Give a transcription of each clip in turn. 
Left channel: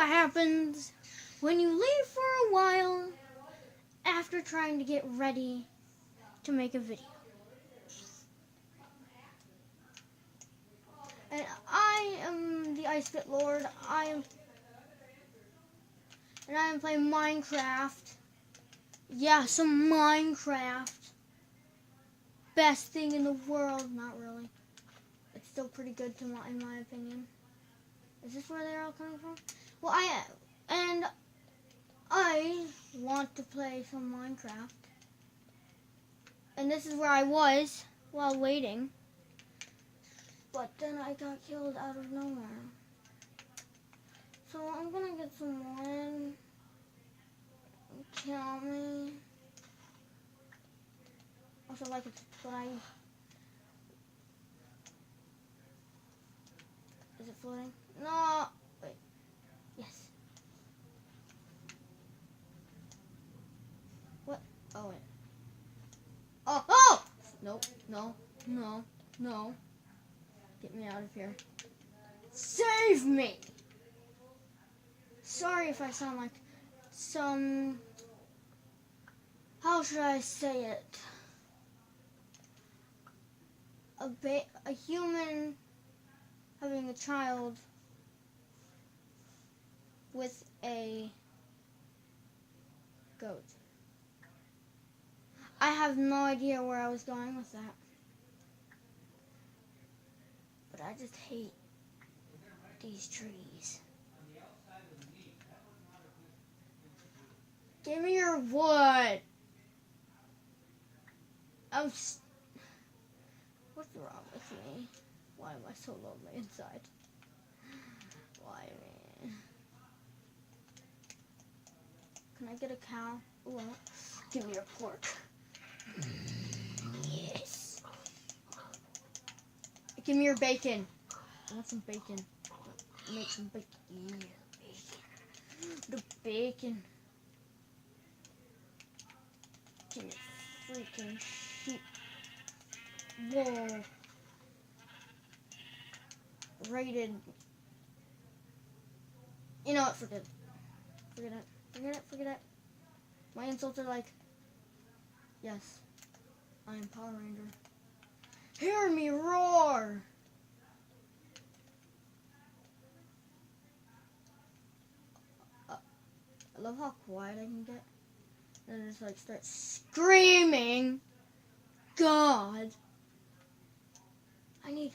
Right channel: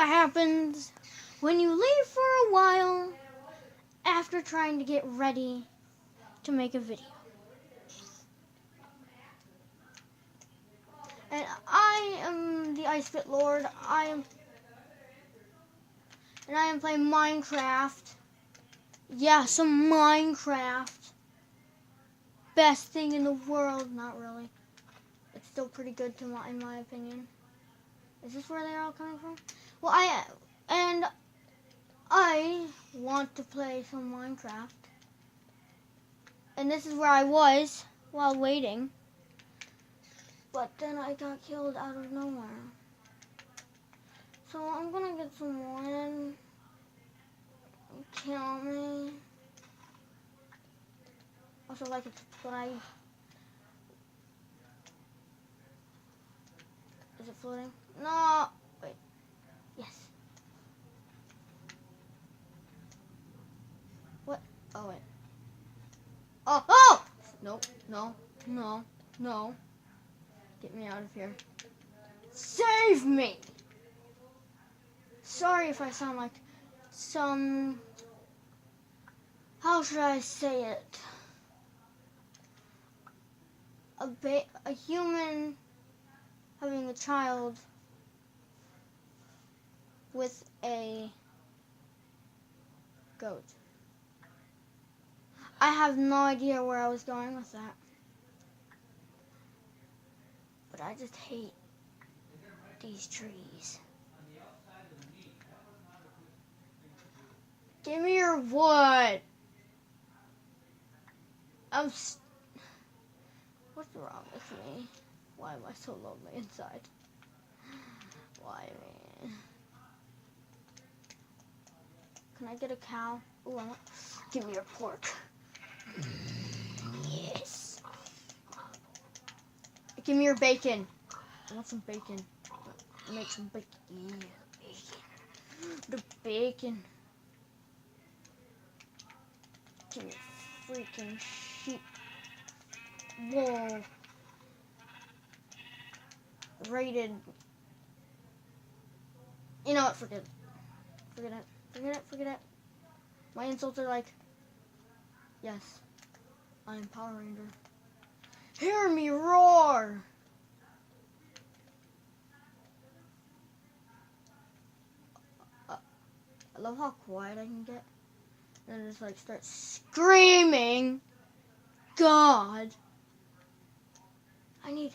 what happens when you leave for a while after trying to get ready to make a video. And I am the Ice Pit Lord. I am playing Minecraft. Yeah, some Minecraft. Best thing in the world. Not really. It's still pretty good in my opinion. Is this where they're all coming from? Well, I want to play some Minecraft. And this is where I was while waiting. But then I got killed out of nowhere. So I'm gonna get someone and kill me. Also like to play. Is it floating? No! Wait. Yes. What? Oh wait. Oh! Oh! Nope. No. No. No. Get me out of here. Save me! Sorry if I sound like some... How should I say it? A human having a child with a goat. I have no idea where I was going with that. But I just hate these trees. Give me your wood. What's wrong with me? Why am I so lonely inside? Why me? Can I get a cow? Ooh, give me your pork. Yes. Give me your bacon. I want some bacon. Make some bacon. The bacon. Give me freaking sheep. Whoa. Rated. You know what? Forget it. Forget it. Forget it. Forget it. My insults are like, yes, I'm Power Ranger. Hear me roar! I love how quiet I can get. And just like start screaming. God. I need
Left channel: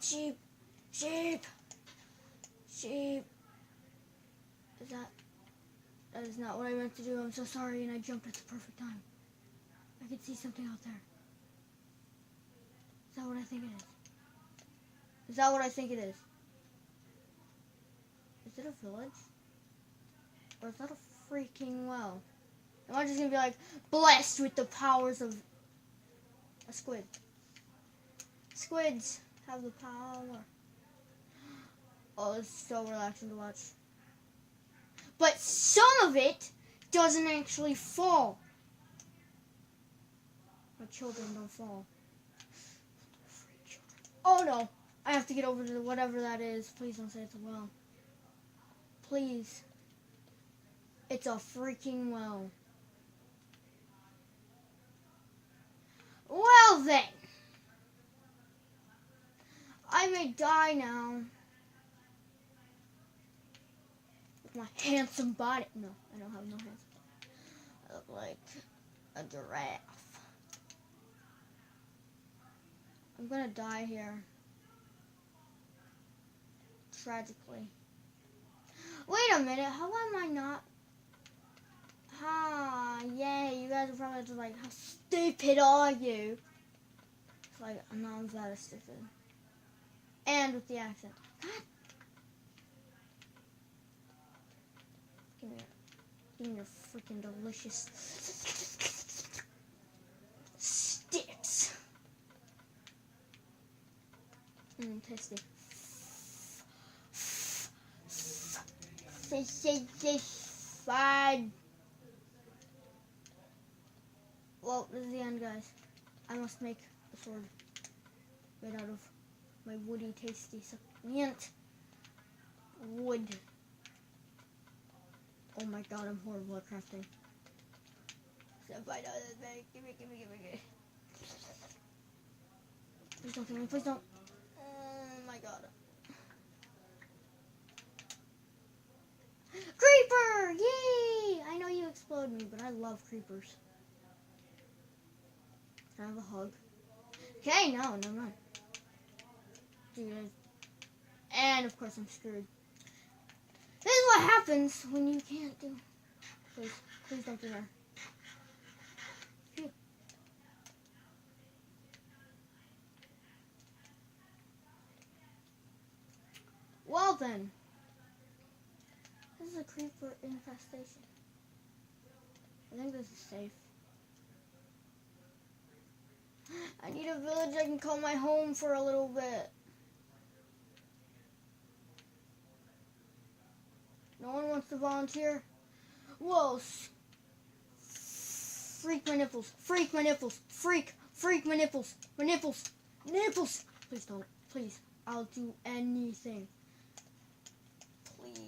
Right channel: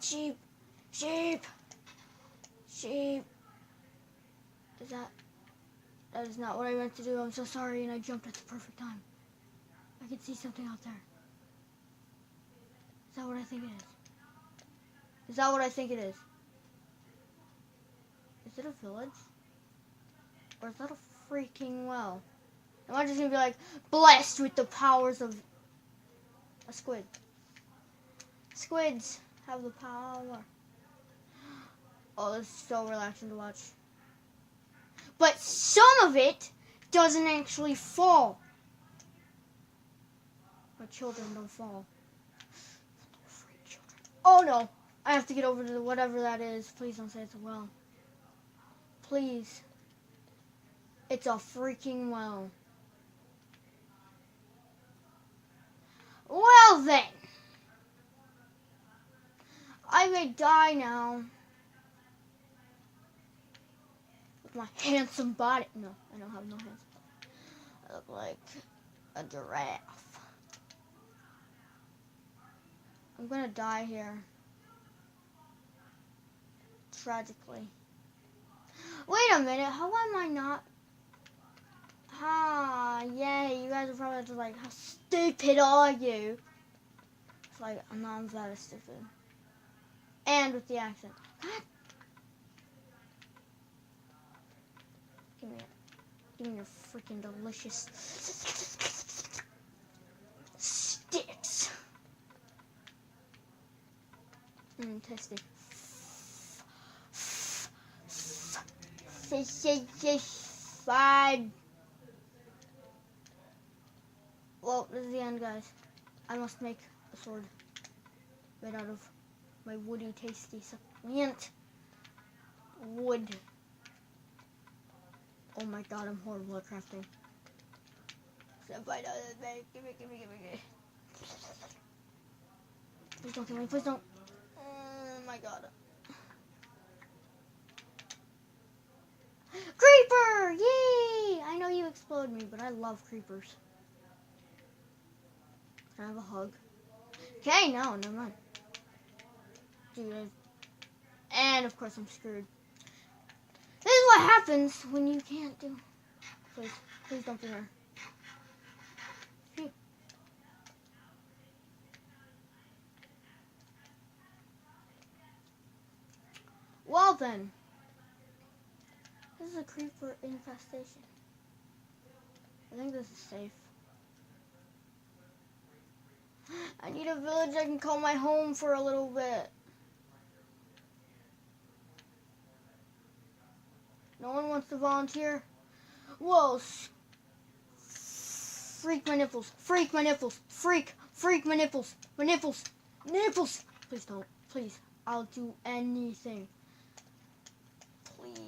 sheep. Sheep. Sheep. That is not what I meant to do. I'm so sorry, and I jumped at the perfect time. I can see something out there. Is that what I think it is? Is that what I think it is? Is it a village? Or is that a freaking well? Am I just gonna be like, blessed with the powers of a squid? Squids have the power. Oh, this is so relaxing to watch. But some of it doesn't actually fall. My children don't fall. Oh no! I have to get over to whatever that is. Please don't say it's a well. Please. It's a freaking well. Well then. I may die now. With my handsome body. No, I don't have no handsome body. I look like a giraffe. I'm gonna die here. Tragically. Wait a minute, how am I not? Yay, you guys are probably just like, how stupid are you? It's like, I'm not that stupid. And with the accent. What? Give me your freaking delicious sticks. Tasty. Fine. Well, this is the end, guys. I must make a sword made out of my woody, tasty, succulent wood. Oh my god, I'm horrible at crafting. Give me. Please don't kill me, please don't. Oh my god. Creeper! Yay! I know you explode me, but I love creepers. Can I have a hug? Okay, no, never mind. Dude, and of course I'm screwed. This is what happens when you can't do. Please don't be her. Phew. Well then, this is a creeper infestation. I think this is safe. I need a village I can call my home for a little bit. No one wants to volunteer? Whoa. Freak my nipples. Freak my nipples. Freak my nipples. My nipples. Nipples. Please don't. Please. I'll do anything. Please.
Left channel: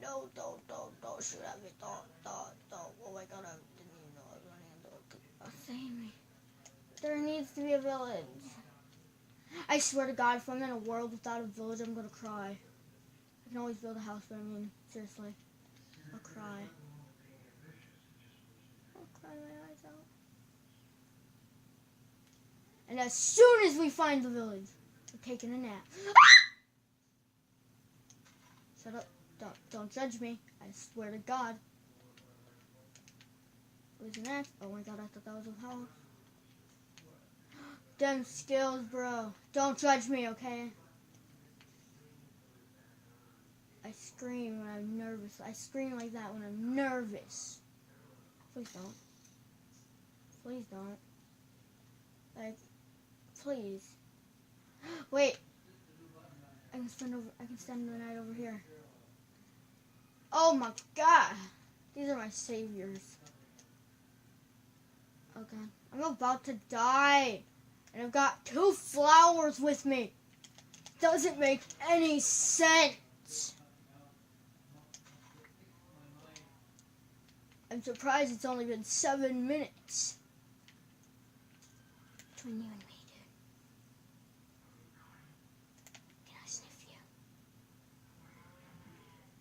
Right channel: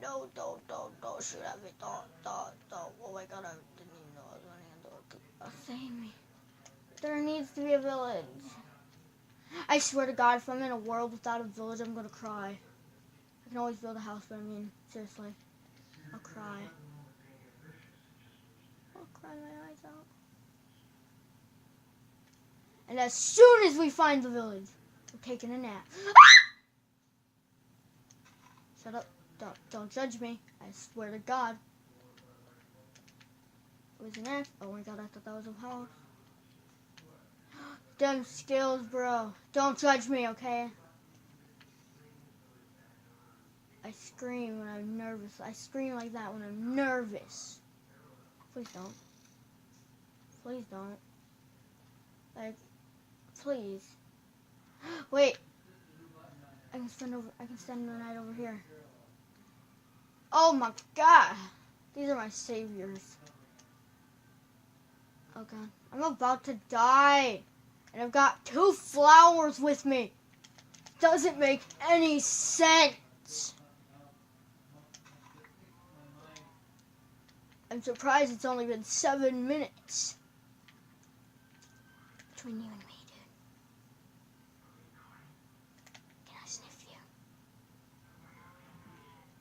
No, don't shoot at me. Don't. Oh my god, I didn't even know I was going to save me. There needs to be a village. I swear to God, if I'm in a world without a village, I'm going to cry. I can always build a house, but I mean, seriously, I'll cry. I'll cry my eyes out. And as soon as we find the village, we're taking a nap. Shut up. Don't judge me. I swear to God. It was an axe. Oh my god, I thought that was a house. Them skills, bro. Don't judge me, okay? I scream when I'm nervous. I scream like that when I'm nervous. Please don't. Please don't. Like, please. Wait. I can spend the night over here. Oh my god. These are my saviors. Oh god. I'm about to die. And I've got 2 flowers with me. Doesn't make any sense. I'm surprised it's only been 7 minutes. Between you and me, dude. Can I sniff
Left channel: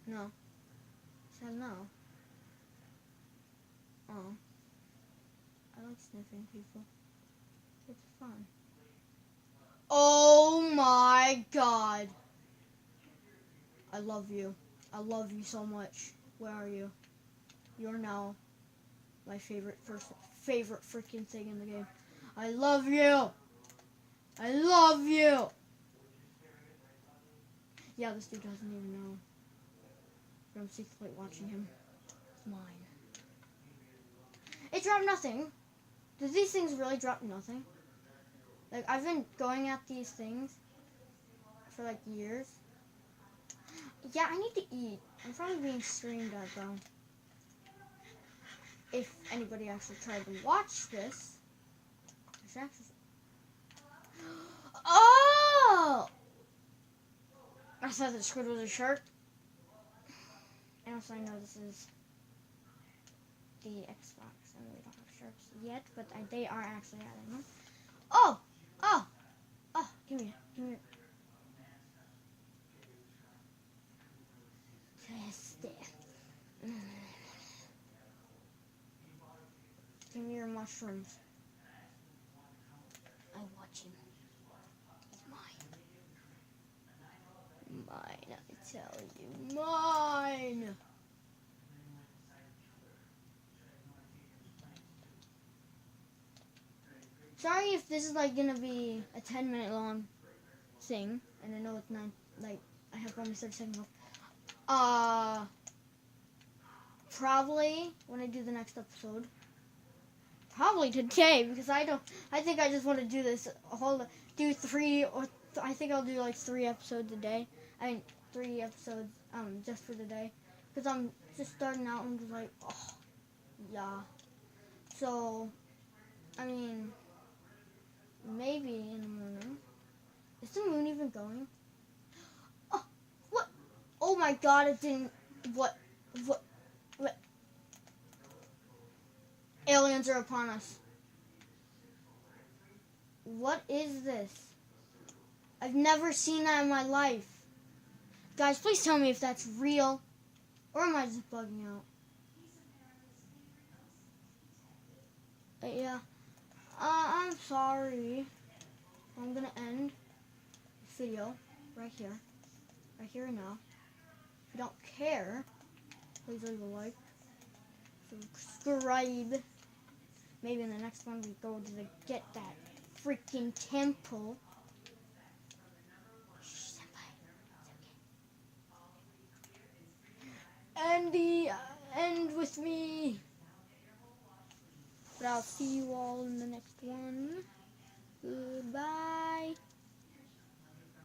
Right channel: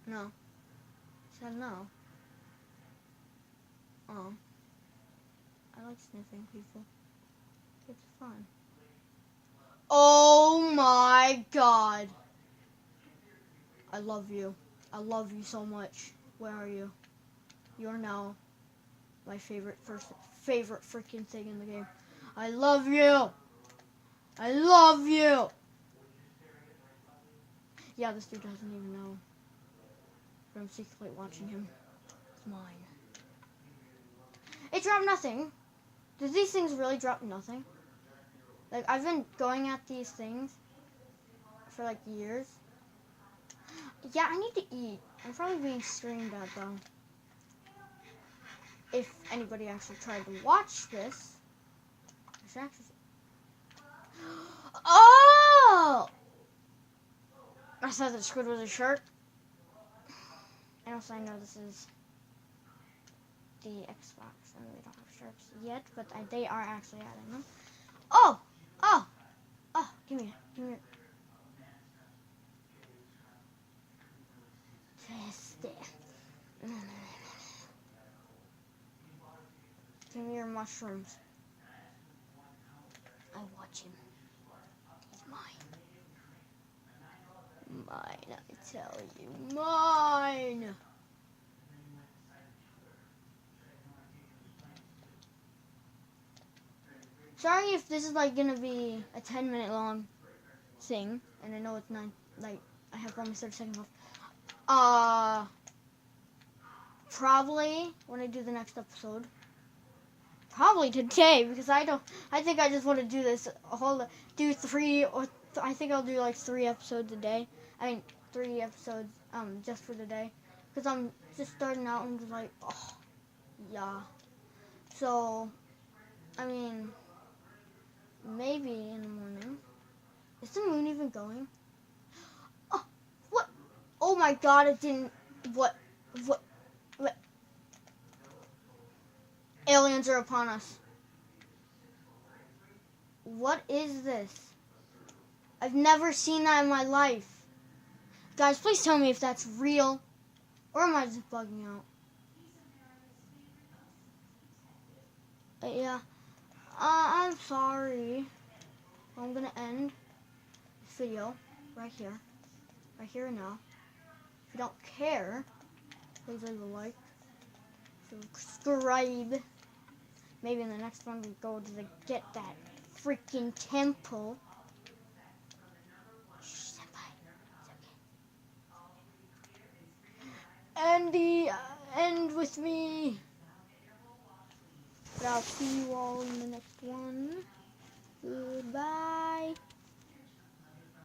you? No. I said no. Oh. I like sniffing people. It's fun. Oh my god. I love you. I love you so much. Where are you? You're now my favorite freaking thing in the game. I love you. I love you. Yeah, this dude doesn't even know. But I'm secretly watching him. It's mine. It dropped nothing. Did these things really drop nothing? Like, I've been going at these things for like years. Yeah, I need to eat. I'm probably being streamed at though. If anybody actually tried to watch this. Oh! I thought the squid was a shark. And also I know this is the Xbox and we don't have sharks yet, but they are actually adding them. Oh! Give me it. Test it. Give me your mushrooms. I watch him. He's mine. Mine, I tell you. Mine! Sorry if this is like gonna be a 10-minute long thing, and I know it's 9, like, I have almost 30 seconds left. Probably when I do the next episode. Probably today, because I think I just want to do this do 3, or I think I'll do like 3 episodes a day. 3 episodes, just for the day. Because I'm just starting out and just like, oh, yeah. So, I mean, maybe in the morning. Is the moon even going? Oh, what? Oh my god, it didn't. What? What? Aliens are upon us. What is this? I've never seen that in my life. Guys, please tell me if that's real. Or am I just bugging out? Yeah. I'm sorry. I'm gonna end this video right here. Right here and now. If you don't care, please leave a like. Subscribe. Maybe in the next one we go to get that freaking temple. Shh, senpai. It's okay. End with me. But I'll see you all in the next one. Goodbye.